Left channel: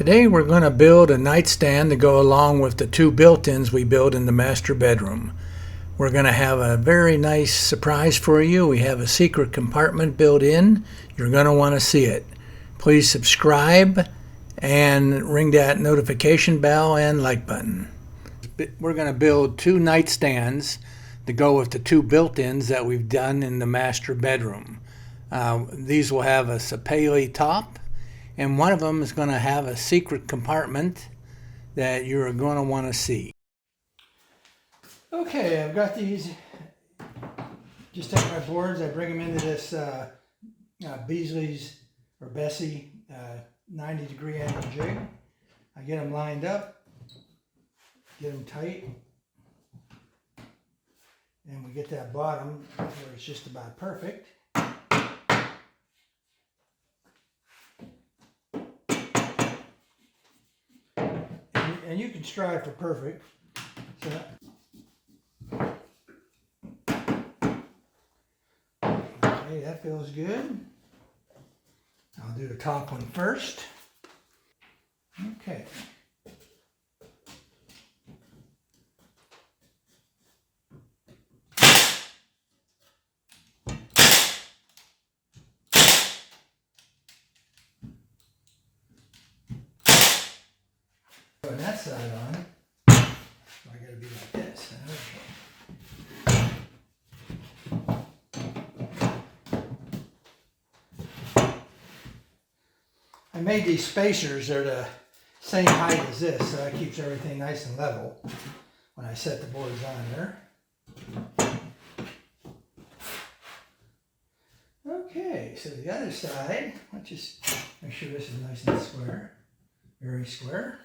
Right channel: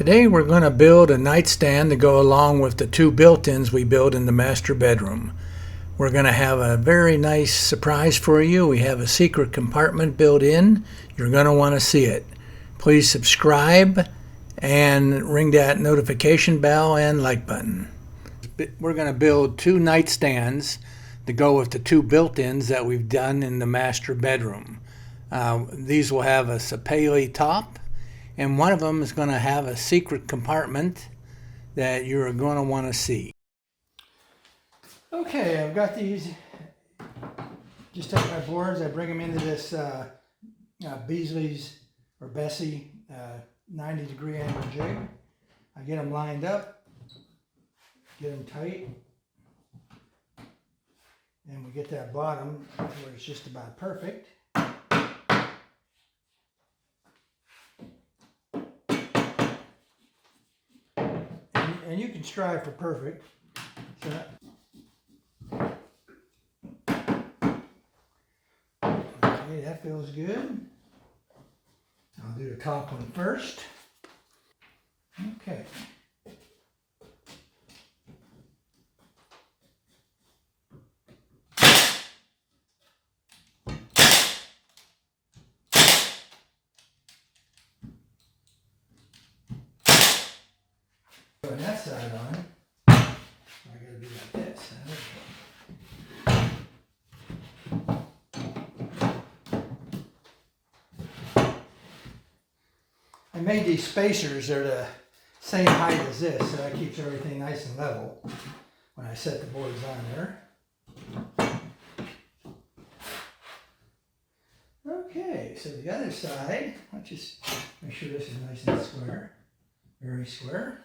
Today we're going to build a nightstand to go along with the two built-ins we built in the master bedroom. We're going to have a very nice surprise for you. We have a secret compartment built in. You're going to want to see it. Please subscribe and ring that notification bell and like button. We're going to build two nightstands to go with the two built-ins that we've done in the master bedroom. These will have a sapele top, and one of them is going to have a secret compartment that you're going to want to see. Okay, I've got these. Just take my boards, I bring them into this Beasley's or Bessie 90-degree angle jig. I get them lined up, get them tight, and we get that bottom where it's just about perfect. And you can strive for perfect. So okay, that feels good. I'll do the top one first. Okay. Put that side on. I gotta be like this. I made these spacers. They're the same height as this, so that keeps everything nice and level when I set the boards on there. Okay, so the other side, let's just make sure this is nice and square. Very square.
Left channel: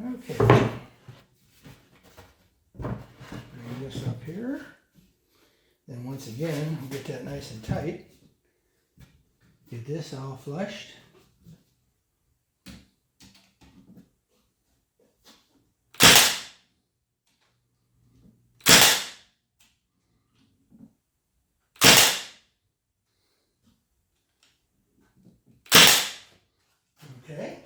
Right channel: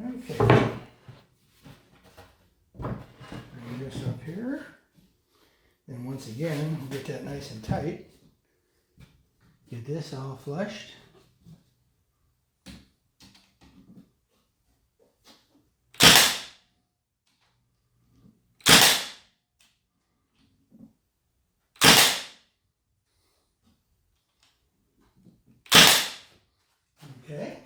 Okay, bring this up here. Then once again, we'll get that nice and tight. Get this all flushed. Okay.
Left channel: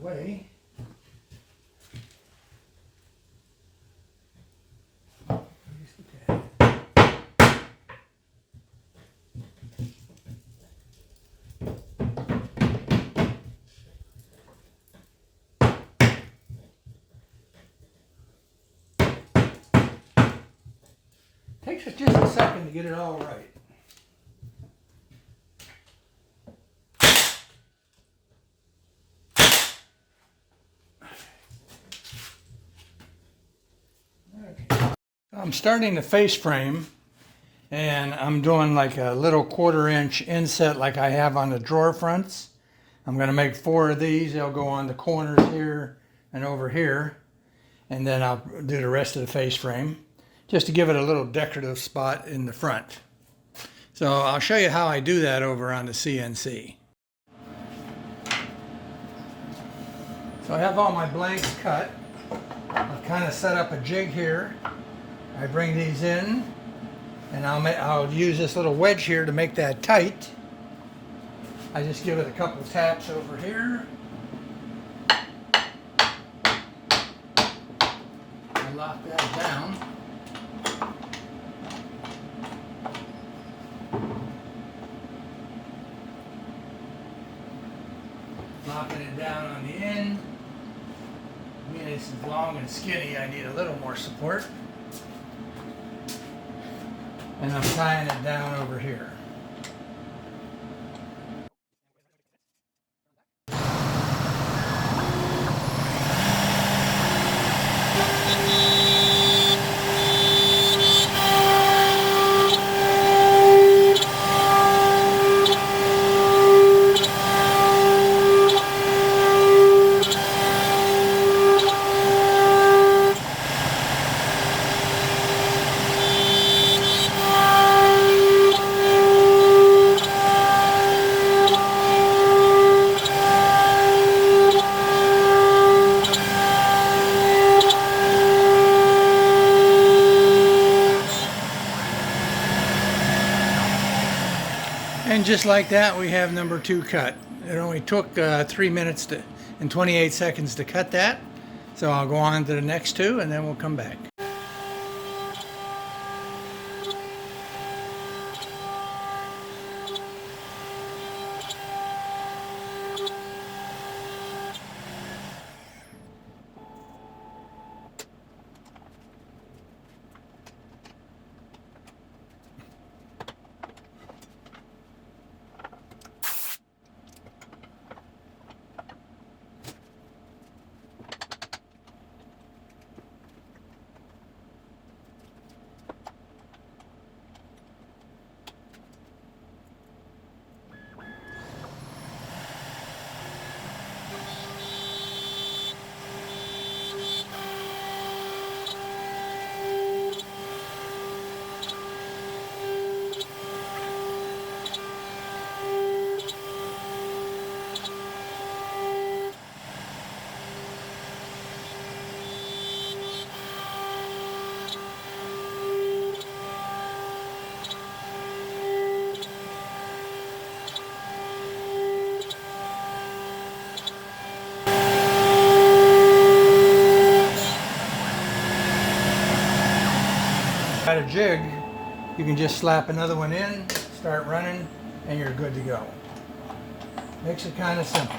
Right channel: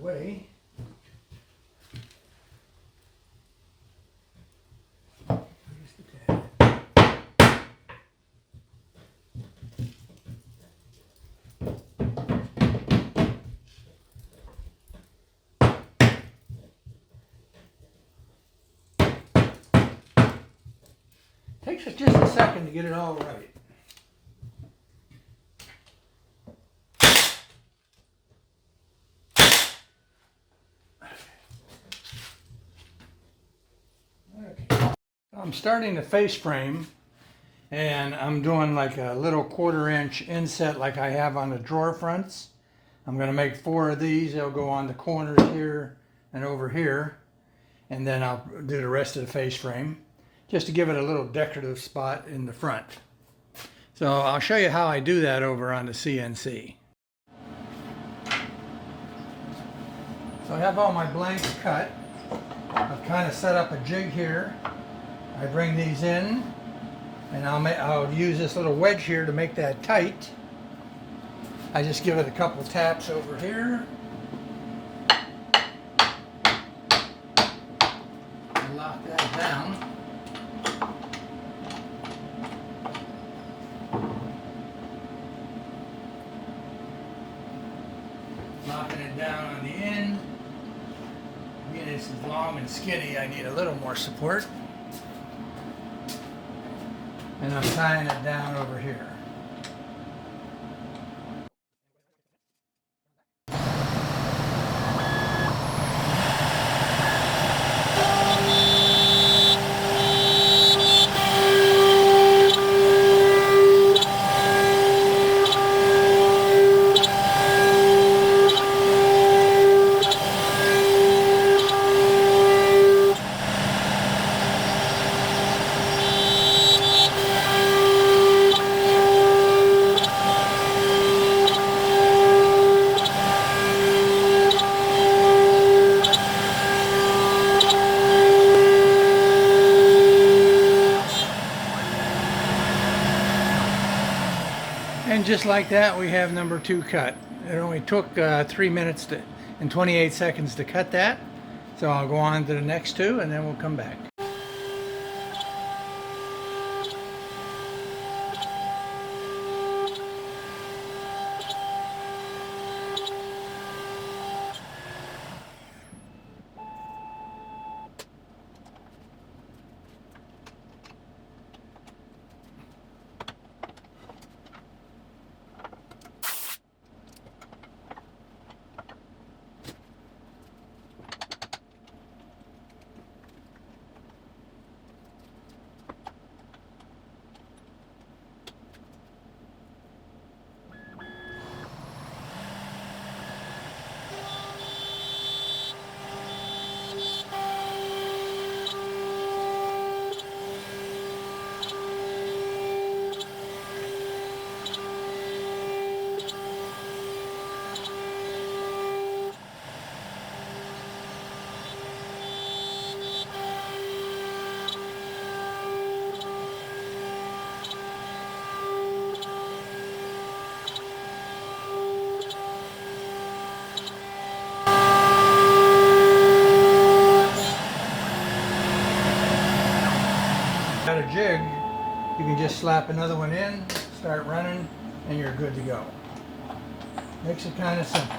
Way. Takes us just a second to get it all right. I'm starting the face frame, and I'm doing like a little 1/4 inch inset like I have on the drawer fronts. I'm going to make 4 of these. They'll go on the corners here and over here, and then I'll do the rest of the face frame just to give it a little decorative spot in the front. So I'll show you how I do that over on the CNC. So I have all my blanks cut. I've kind of set up a jig here. I bring these in, and I'll use this little wedge here to make that tight. I just give it a couple taps over here. I lock that down. Locking it down on the end. Being it's long and skinny, I need a little more support. and I'm tying it down over here. And just like that, we have number 2 cut. It only took 3 minutes and 28 seconds to cut that. So I'll go on to the next 2 and then we'll come back. Got a jig, you can just slap another one in, start running, and you're good to go. Makes it kind of simple.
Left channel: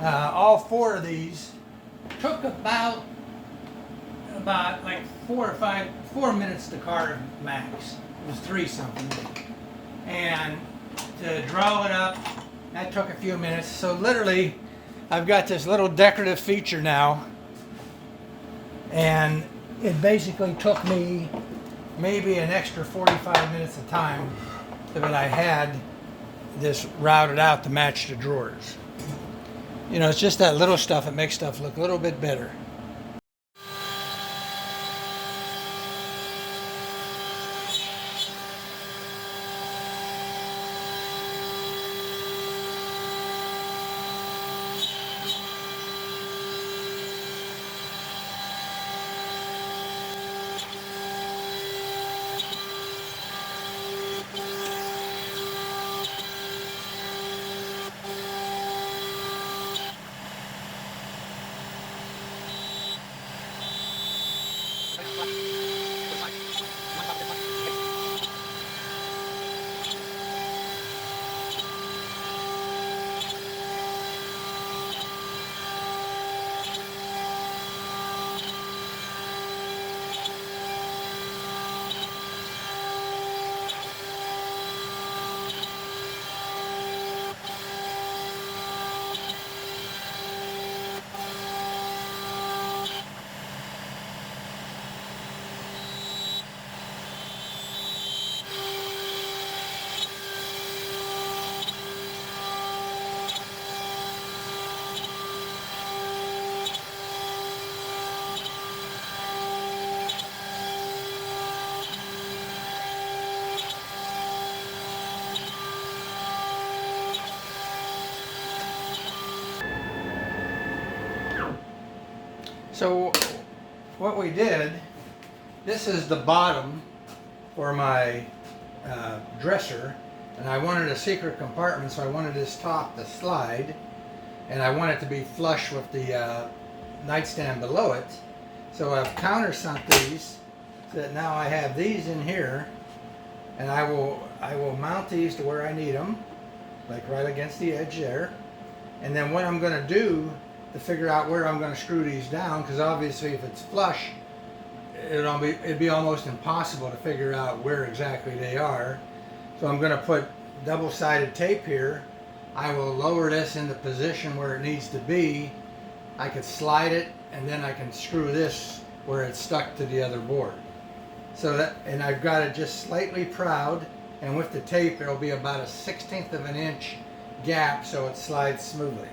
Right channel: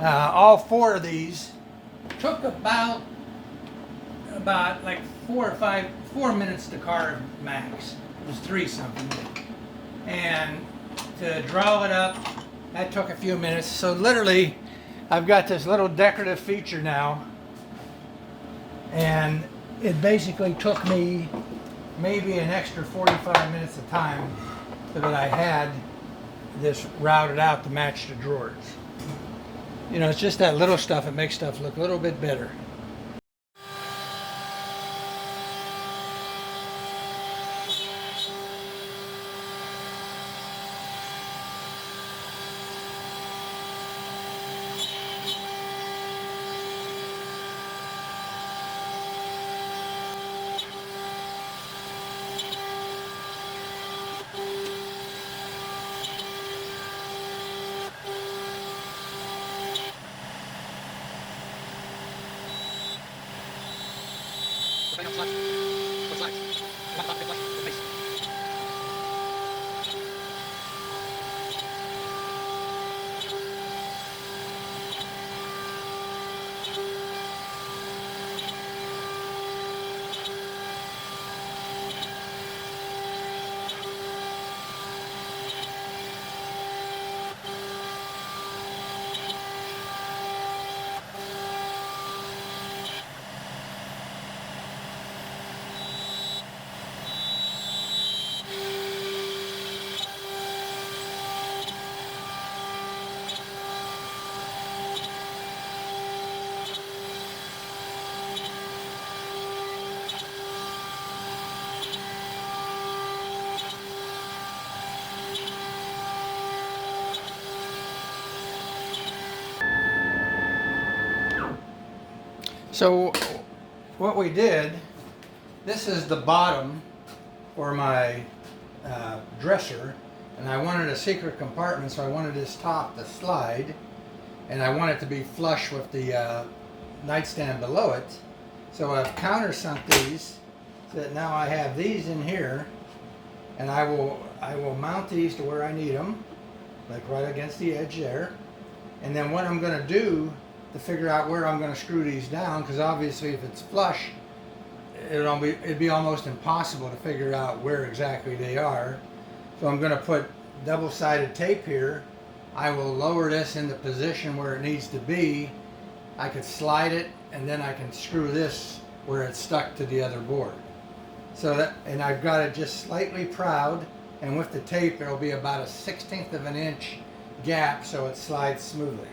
All 4 of these took about like 4 minutes to carve max. It was 3 something. And to draw it up, that took a few minutes. So literally, I've got this little decorative feature now, and it basically took me maybe an extra 45 minutes of time that I had this routed out to match the drawers. You know, it's just that little stuff that makes stuff look a little bit better. So what we did, this is the bottom for my dresser, and I wanted a secret compartment, so I wanted this top to slide, and I want it to be flush with the nightstand below it. So I've countersunk these so that now I have these in here, and I will mount these to where I need them, like right against the edge there. And then what I'm going to do to figure out where I'm going to screw these down, because obviously if it's flush, it'd be almost impossible to figure out where exactly they are. So I'm going to put double-sided tape here. I will lower this into position where it needs to be. I could slide it, and then I can screw this where it's stuck to the other board. So that, and I've got it just slightly proud, and with the tape it'll be about a 1/16 of an inch gap so it slides smoothly.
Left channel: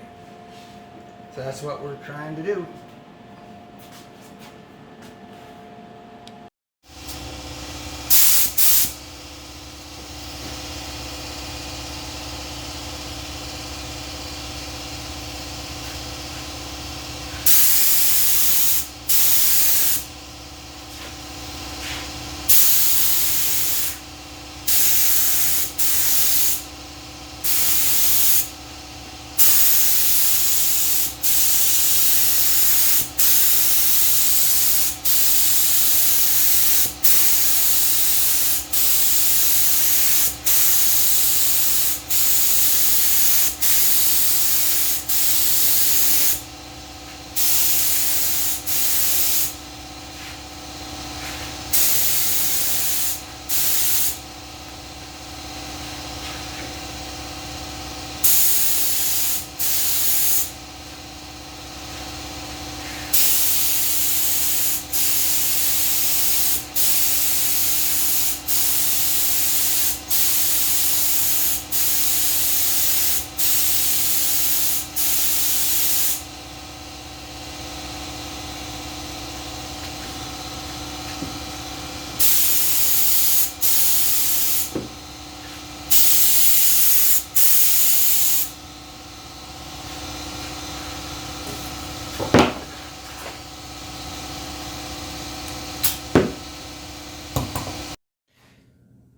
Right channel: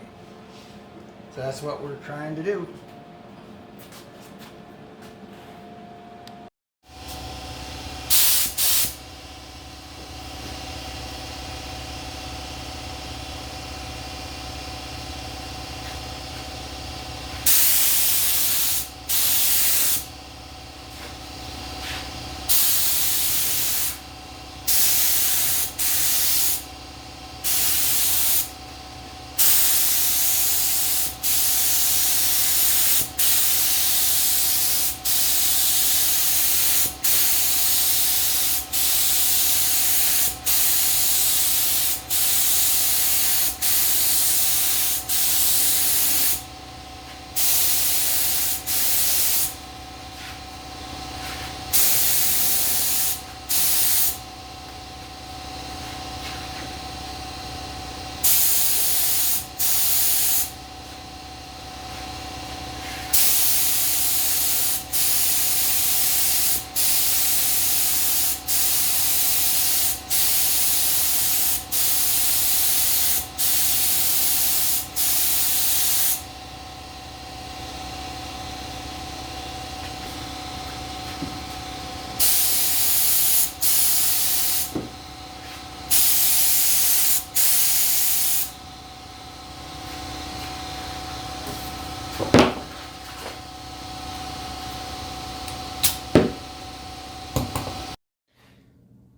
So that's what we're trying to do.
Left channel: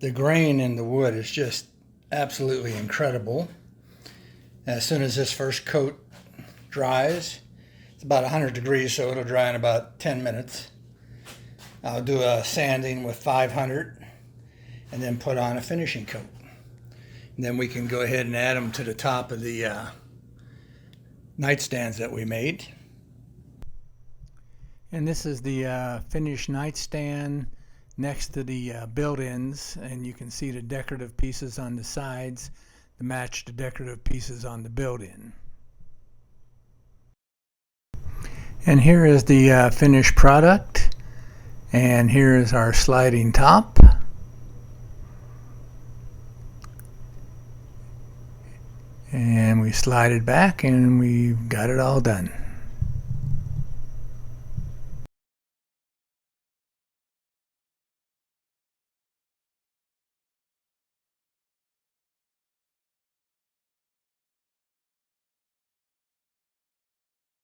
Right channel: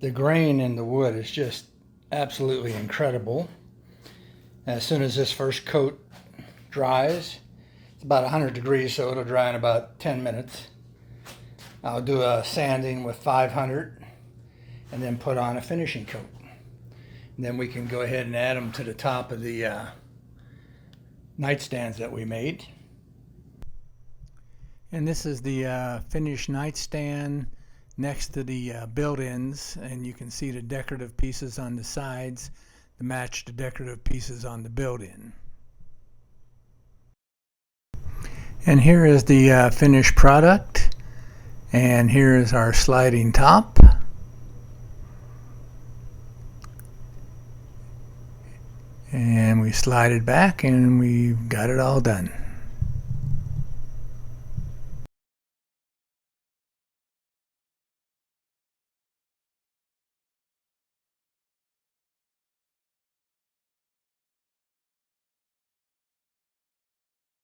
The grain in the wood is just absolutely incredible. As soon as this first coat dries, it's about 100 degrees, so it'll dry in about 10 minutes. I'll do a sanding with 500 and then put on a finishing coat. And then we can go ahead and add them to the top of the nightstands that we made. And this is the finished nightstand next to the built-ins, and you can see the decorative pieces on the sides to match the decorative pieces on the built-in. And here is the finished product, and here is our sliding top. And we slide it back and we've got it all done.